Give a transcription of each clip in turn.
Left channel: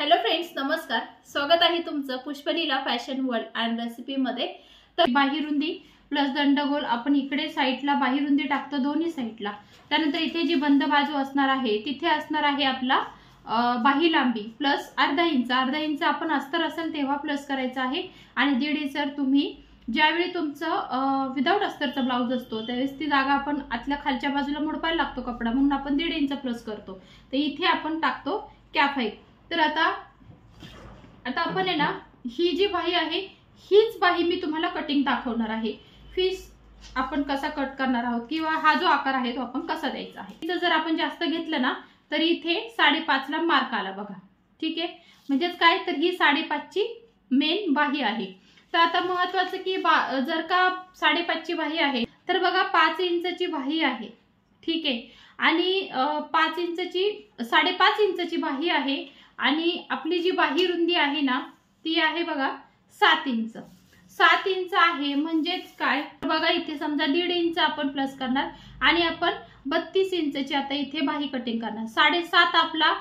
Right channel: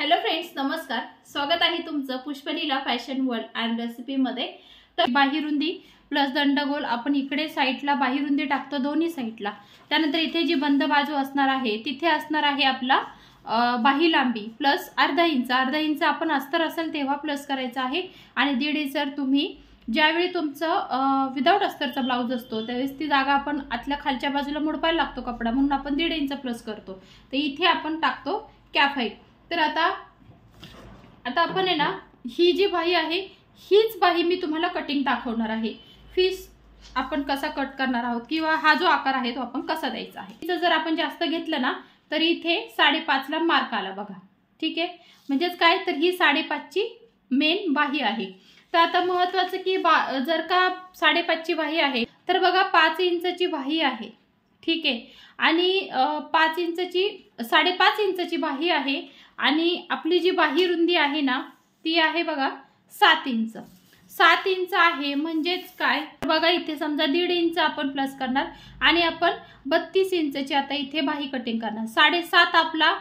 Hello friends, नमस्कार. स्वागत आहे तुमचं पुष्पलीला फॅशन वर्ल्ड अँड रेसिपी मध्ये. तर बाहीरुंदी प्लस दंडगोल आपण इकडे साईडला बाहीरुंदी टाकतो दोन्ही साईडला. त्यानंतर इथे जी बंद बाजू असणार आहे तिथे असणार आहे आपला बाही लांबी प्लस अर्धा इंच आपण अस्तर असेल तेव्हा प्लस करायचं आहे. आणि 1.5 इंच तुम्ही ज्यावेळी तुमचं विदाउट अस्तरचा ब्लाउज असतो त्यावेळेस ती जागा आपण आतल्या खालच्या बाजूला मोडपायला लागतो कपडा, म्हणून आपण 1.5 इंच प्लस करतो. तर इथे आपण टाकतो कॅफ. तर आता आपण आहे ना, ही जी बाही आहे हीच बाही मी तुम्हाला कटिंग दाखवणार आहे. फीस आपण कसा कट करणार आहोत किंवा हा जो आकार आहे तो आपण कसा द्यायचा आहे. जर आपण जास्त घेतलं ना तर इथे 5.5 ला मार्क आला बघा. ठीक आहे, म्हणजेच काय तर ही 5.5 ची मेन बाही आहे. तर आता महत्त्वाचं की जर का 5.5 ची बाही आहे तर बघा 5 इंचची बाही आहे. ठीक आहे, आणि 5.5 इंचची बाही आहे. आणि आपली जी बाही रुंदी आहे ना ती आहे बघा 7 इंच. 7 इंच आहे म्हणजेच काय बघा, इथे समजा 1.5 इंच आपण प्लस करणार आणि आपण 32 इंचची आता इथे बाही कटिंग करणार. 7.5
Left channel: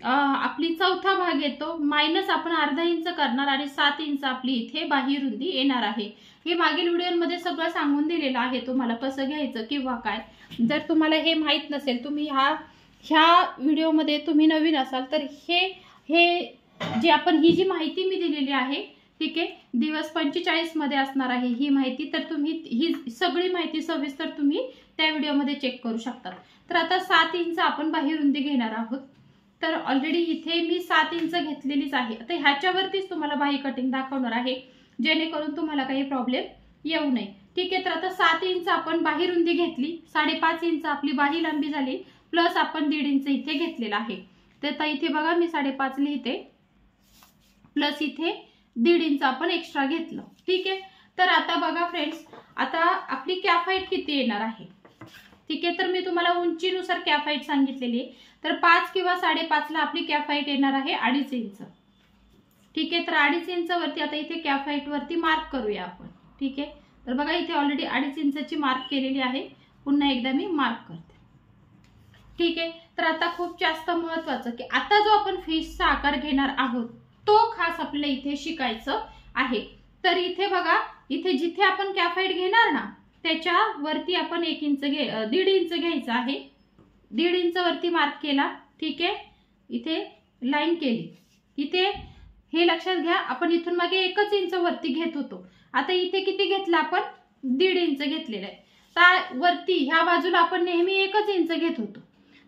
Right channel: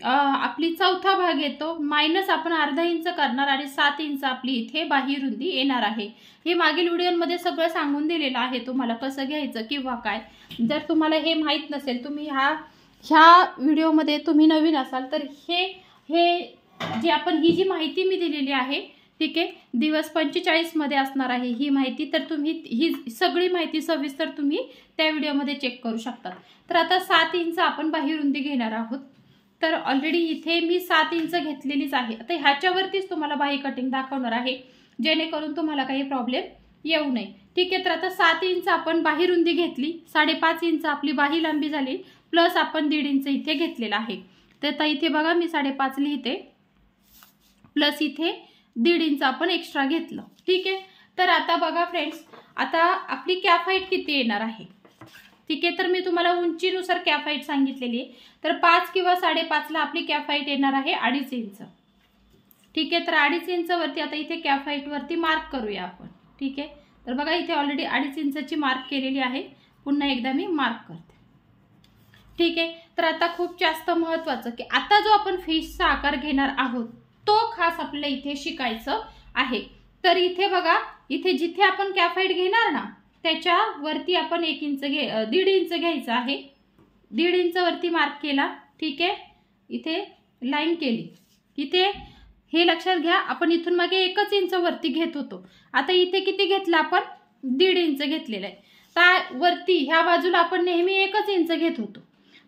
आपली चौथा भाग येतो, मायनस आपण अर्धा इंच करणार आणि 7 इंच आपली इथे बाही रुंदी येणार आहे. हे मागील व्हिडिओमध्ये सगळं सांगून दिलेलं आहे तुम्हाला कसं घ्यायचं किंवा काय. जर तुम्हाला हे माहीत नसेल, तुम्ही ह्या व्हिडिओमध्ये तुम्ही नवीन असाल तर हे जे आपण ही जी माहिती मी दिलेली आहे, ठीक आहे, दिवस 45 मध्ये असणार आहे ही माहिती. तर तुम्ही ही सगळी माहिती सविस्तर तुम्ही त्या व्हिडिओमध्ये चेक करू शकता. तर आता 7 इंच आपण बाही रुंदी घेणार आहोत. तर ऑलरेडी इथे मी 7 इंच घेतलेलीच आहे. आता ह्याच्यावरतीच तुम्हाला बाही कटिंग दाखवणार आहे जेणेकरून तुम्हाला काही प्रॉब्लेम येऊ नये. ठीक आहे, तर आता 7 इंच आपण बाही रुंदी घेतली, 5.5 इंच आपली बाही लांबी झाली, प्लस आपण 1.5 इंच इथे घेतलेला आहे. तर इथे बघा मी 5.5 लिहिते, प्लस इथे 1.5 इंच आपण एक्स्ट्रा घेतलं. ठीक आहे, तर आता बघा फ्रेंड्स, आता आपली कॅफ हाईट किती येणार आहे. ठीक आहे, तर मी तुम्हाला उंचीनुसार कॅफ हाईट सांगितलेली आहे. तर 5 किंवा 5.5 ला आपली कॅफ हाईट येणार आहे 2.5 इंच. ठीक आहे, तर 2.5 इंच वरती आता इथे कॅफ हाईट वरती मार्क करूया आपण. ठीक आहे, तर बघा इथे ऑलरेडी 2.5 इंचची मार्क केलेली आहे. पुन्हा एकदा मी मार्क करते. ठीक आहे, तर आता खूप जास्त महत्त्वाचं की आता जो आपण फिशचा आकार घेणार आहोत तो खास आपल्याला इथे शिकायचं आहे. तर इथे बघा, इथे जिथे आपण कॅफ हाईट घेणार ना त्याच्या वरती आपण 1.5 इंच घ्यायचं आहे. 1.5 इंच वरती मार्क केला. ठीक आहे, इथे लाईन केली. इथे हे लक्षात घ्या, आपण इथून मागे 1 इंच वरती घेत होतो. आता इथे किती घेतलं आपण, 1.5 इंच घेतलेलं आहे. तर वरती ह्या बाजूला आपण नेहमी 1 इंच घेत होतो.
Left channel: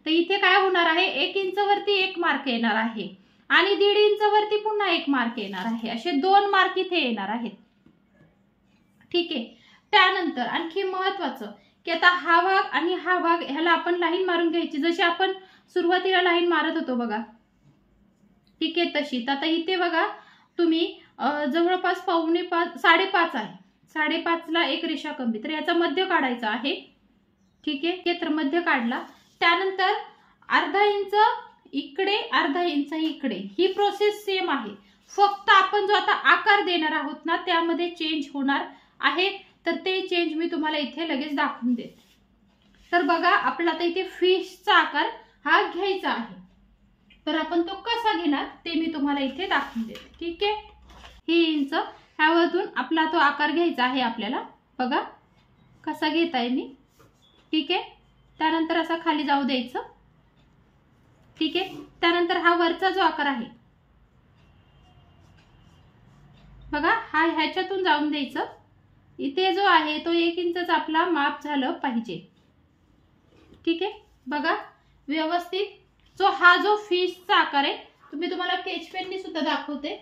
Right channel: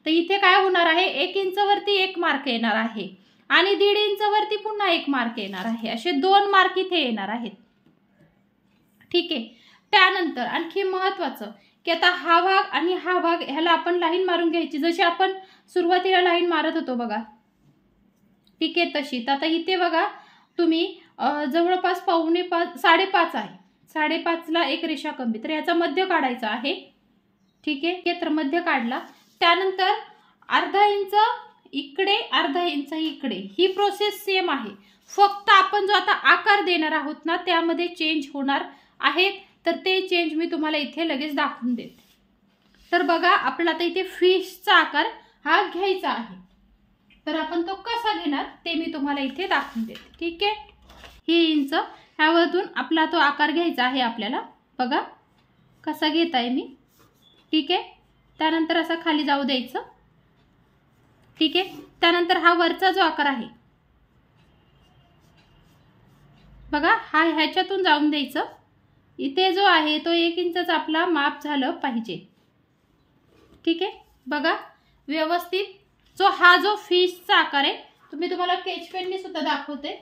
तर इथे काय होणार आहे, 1 इंच वरती 1 मार्क येणार आहे आणि 1.5 इंच वरती पुन्हा 1 मार्क येणार आहे. असे 2 मार्क इथे येणार आहेत. ठीक आहे, त्यानंतर आणखी महत्वाचं की आता हा भाग आणि हा भाग ह्याला आपण लाईन मारून घ्यायची, जशी आपण सुरुवातीला लाईन मारत होतो बघा. ठीक आहे, तशी. तर आता इथे बघा तुम्ही जवळपास 5.5 आहे, 5.5 ला एक रेषा कमी, तर याचा मध्य काढायचा आहे. ठीक आहे, तर मध्य काढला. त्यानंतर अर्धा इंच इकडे, अर्धा इंच इकडे, ही प्रोसेस सेम आहे. फक्त आपण जो आता आकार देणार आहोत ना त्यामध्ये चेंज होणार आहे. तर ते चेंज मी तुम्हाला इथे लगेच दाखवून देते. तर बघा, आपल्याला आता इथे फिशचा आकार हा घ्यायचा आहे. तर आपण तो कसा घेणार ते मी तुम्हाला इथे दाखवून देते. ठीक आहे, ही इंच ह्यावरून आपला तो आकार घ्यायचा आहे आपल्याला. बघा कसा घेताय मी. ठीक आहे, त्यानंतर असा खाली जाऊ द्यायचं. ठीक आहे, त्यानंतर हा वरचा जो आकार आहे बघा, हा ह्याच्यातून जाऊन द्यायचं. इथे जो आहे तो 1 इंचचा आपला माप झालं पाहिजे. ठीक आहे, बघा व्यवस्थित जो फिशचा आकार आहे, तुम्हाला स्केच पेनने सुद्धा दाखवते,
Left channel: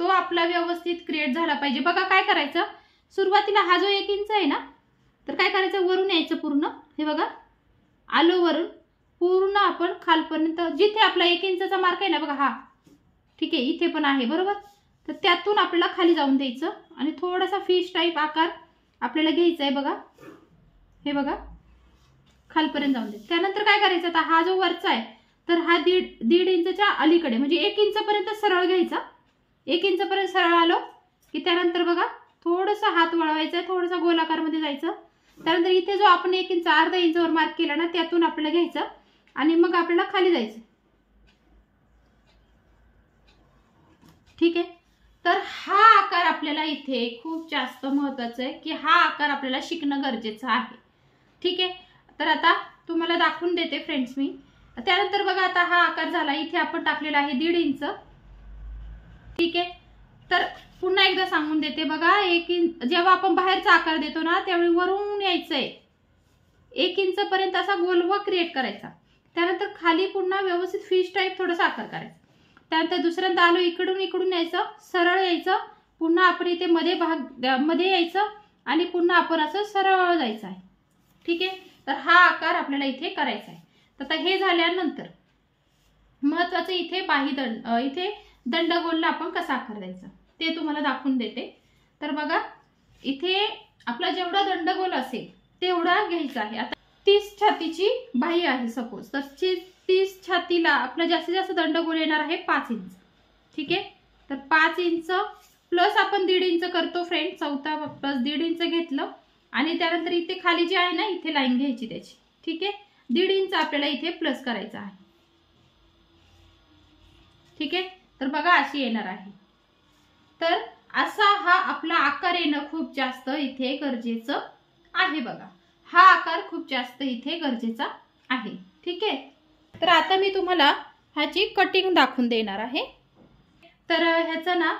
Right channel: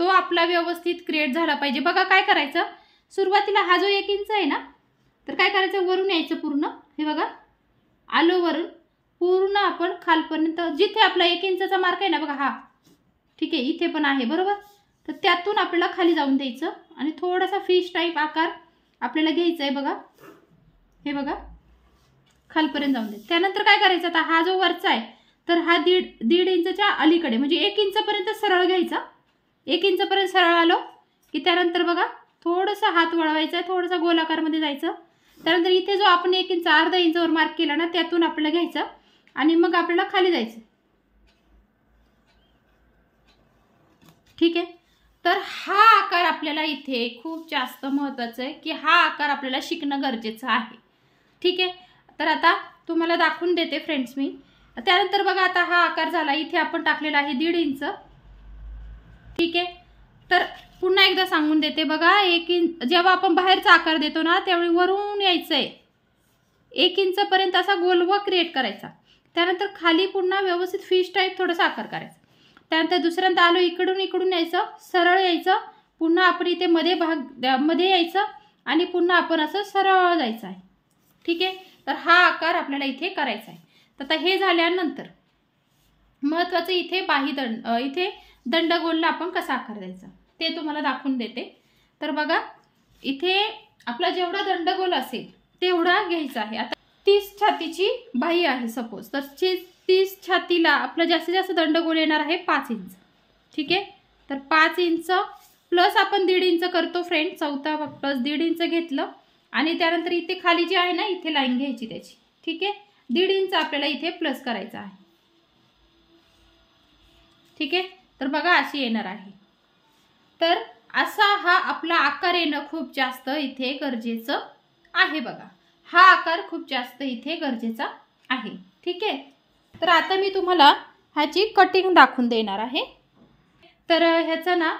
तो आपला व्यवस्थित क्रिएट झाला पाहिजे. बघा काय करायचं, सुरुवातीला हा जो 1 इंच आहे ना, तर काय करायचं, वरून यायचं पूर्ण. हे बघा आलो वरून पूर्ण आपण खालपर्यंत, जिथे आपला 1 इंचचा मार्क आहे ना बघा हा. ठीक आहे, इथे पण आहे बरोबर. तर त्यातून आपल्याला खाली जाऊन द्यायचं आणि थोडासा फिश टाईप आकार आपल्याला घ्यायचा आहे. बघा हे बघा खालपर्यंत जाऊन द्यायचं. त्यानंतर काय करायचं, आता हा जो वरचा आहे तर हा 1.5 इंचच्या अलीकडे म्हणजे 1 इंचपर्यंत सरळ घ्यायचा. 1 इंचपर्यंत सरळ आलो की त्यानंतर बघा थोडासा हात वळवायचा, थोडासा गोलाकारमध्ये जायचं. त्यानंतर इथे जो आपण 1 इंच अर्धा इंचवर मार्क केला ना त्यातून आपल्याला घ्यायचं आणि मग आपल्याला खाली जायचं. ठीक आहे। तर हा आकार आपल्याला इथे खूप जास्त महत्त्वाचं आहे की हा आकार आपल्याला शिकणं गरजेचं आहे। ठीक आहे, तर आता तुम्हाला दाखवून देते फ्रेंड्स मी। त्यानंतर बघा आता हा आकार झाला, इथे आपण टाकलेला आहे 1.5 इंच। ठीक आहे, तर पुन्हा एकदा सांगून देते बघा, 1 इंच जेव्हा आपण बाहेरचा आकार देतो ना त्यावेळी वरून यायचंय 1 इंच पर्यंत असा गोलवा क्रिएट करायचा। त्यानंतर खाली पुन्हा व्यवस्थित फिश टाईप थोडासा आकार करायचा। त्यानंतर दुसऱ्यांदा आलो इकडून यायचं, सरळ यायचं, पुन्हा आपण इथे मध्ये यायचं आणि पुन्हा आपण असं सरळ जायचं आहे। ठीक आहे, तर हा आकार आपल्याला इथे करायचा आहे। तर आता हे झाल्यानंतर महत्त्वाचं इथे दंडगोलला आपण कसा आकार द्यायचा ते तुम्हाला दाखवून देते। तर बघा इथे आपला जेवढा दंडगोल असेल तेवढा घ्यायचा आहे। आता 30 छातीची बाही आहे सपोज, तर 30 छातीला आपला जास्तीत जास्त दंडगोल येणार आहे 5 इंच। ठीक आहे, तर 5 इंच प्लस आपण 1.5 इंच करतो फ्रेंड, चौथा प्लस 1.5 इंच घेतलं आणि त्यानंतर इथे खाली जी आहे ना इथे लाईन घ्यायची त्याची। ठीक आहे, 1.5 इंच आपल्याला इथे प्लस करायचा आहे। ठीक आहे, तर बघा अशी येणार आहे। तर असा हा आपला आकार येणं खूप जास्त इथे गरजेचं आहे। बघा हा आकार खूप जास्त इथे गरजेचा आहे। ठीक आहे, तर आता मी तुम्हाला ह्याची कटिंग दाखवून देणार आहे। तर ह्याचं ना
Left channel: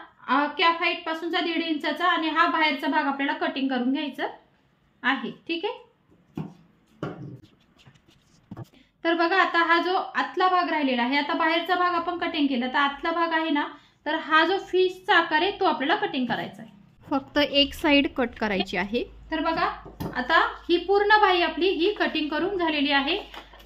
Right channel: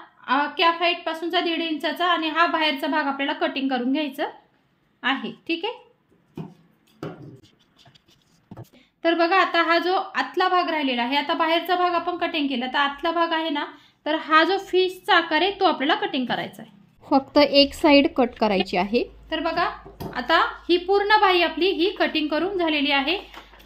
कॅफ हाईट पासूनचा 1.5 इंचाचा आणि हा बाहेरचा भाग आपल्याला कटिंग करून घ्यायचा आहे। ठीक आहे, तर बघा आता हा जो आतला भाग राहिलेला आहे, आता बाहेरचा भाग आपण कटिंग केला, तर आतला भाग आहे ना, तर हा जो फिशचा आकार आहे तो आपल्याला कटिंग करायचा आहे। फक्त एक साइड कट करायची आहे। तर बघा आता ही पूर्ण बाही आपली ही कटिंग करून झालेली आहे।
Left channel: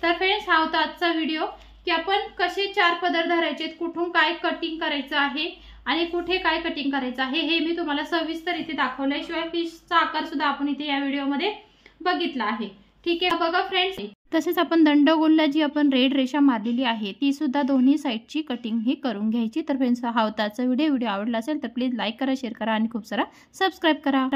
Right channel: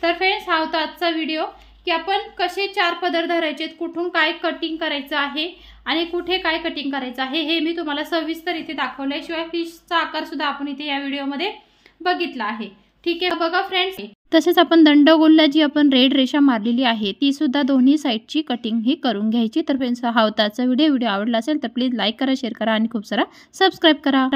तर फ्रेंड्स हा होता आजचा व्हिडिओ की आपण कसे 4 पदर धरायचे, कुठून काय कटिंग करायचं आहे आणि कुठे काय कटिंग करायचं आहे हे मी तुम्हाला सविस्तर इथे दाखवले। शिवाय फिशचा आकार सुद्धा आपण इथे या व्हिडिओमध्ये बघितला आहे। ठीक आहे, बघा फ्रेंड्स तसेच आपण दंडगोलला जी आपण रेड रेषा मारलेली आहे ती सुद्धा दोन्ही साइडची कटिंग ही करून घ्यायची। तर फ्रेंड्स हा होता आजचा व्हिडिओ आवडला असेल तर प्लीज लाईक करा, शेअर करा आणि खूप सारा सबस्क्राइब करा।